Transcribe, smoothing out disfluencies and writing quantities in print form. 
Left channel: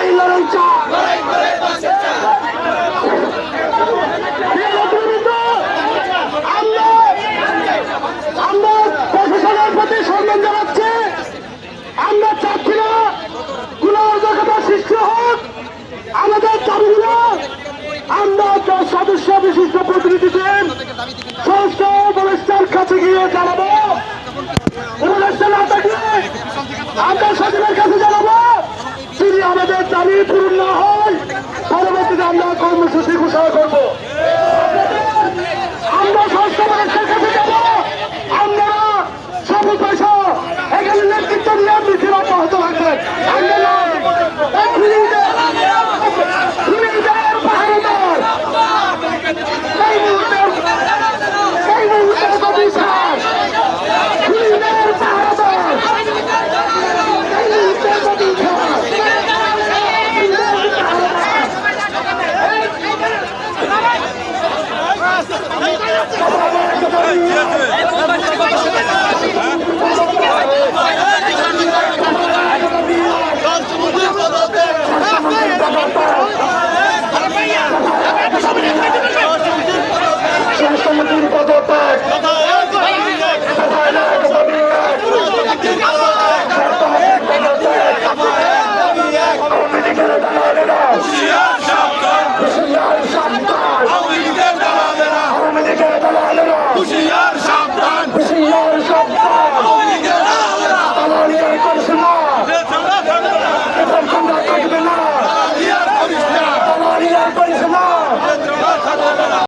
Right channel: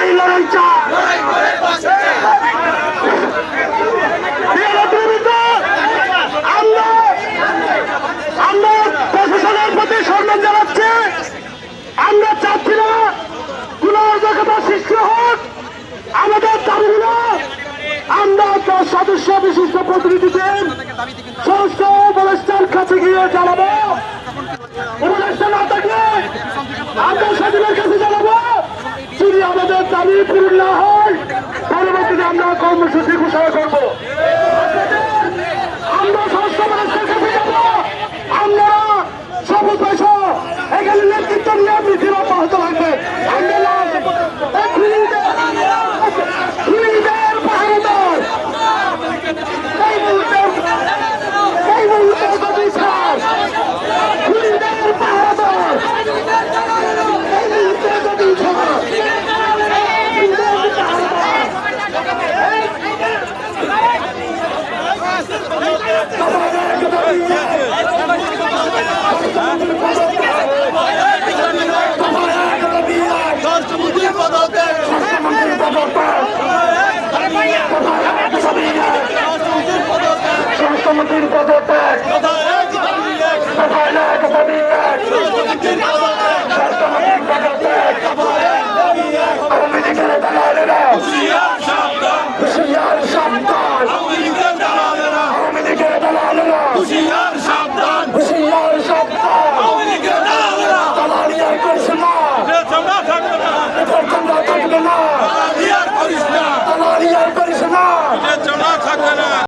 লড়াই লড়াই চাই। আমরা প্রশাসনের প্রতি সম্মান জানাচ্ছি। আমরা চাচ্ছি না কোন অরাজকতা সৃষ্টি হোক। আমাদের দাবিগুলো আমরা সদস্য বিশিষ্ট প্রতিনিধিদের সংস্কার ব্যবস্থার কাছে গিয়ে জানাবো। আন্তর্জাতিক সচিবের কাছে জানাবো। যদি আমাদের দাবি পূরণ না হয় পরবর্তীতে আমরা কর্মসূচি ঘোষণা করবো। আমরা সংস্কার ব্যবস্থার কাছে যাবো। আমরা সবুজ পয়সা এখানে নেতৃত্ব নীতির অব্যাহত থাকবে। স্বাস্থ্যমন্ত্রীর পদত্যাগ, স্বাস্থ্যমন্ত্রীর পদত্যাগ, আওয়ামী লীগের দালালেরা হুঁশিয়ার সাবধান, আওয়ামী লীগের দালালেরা হুঁশিয়ার সাবধান, আওয়ামী লীগের দালালেরা দালালি আর করিস না, দালালি আর করিস না।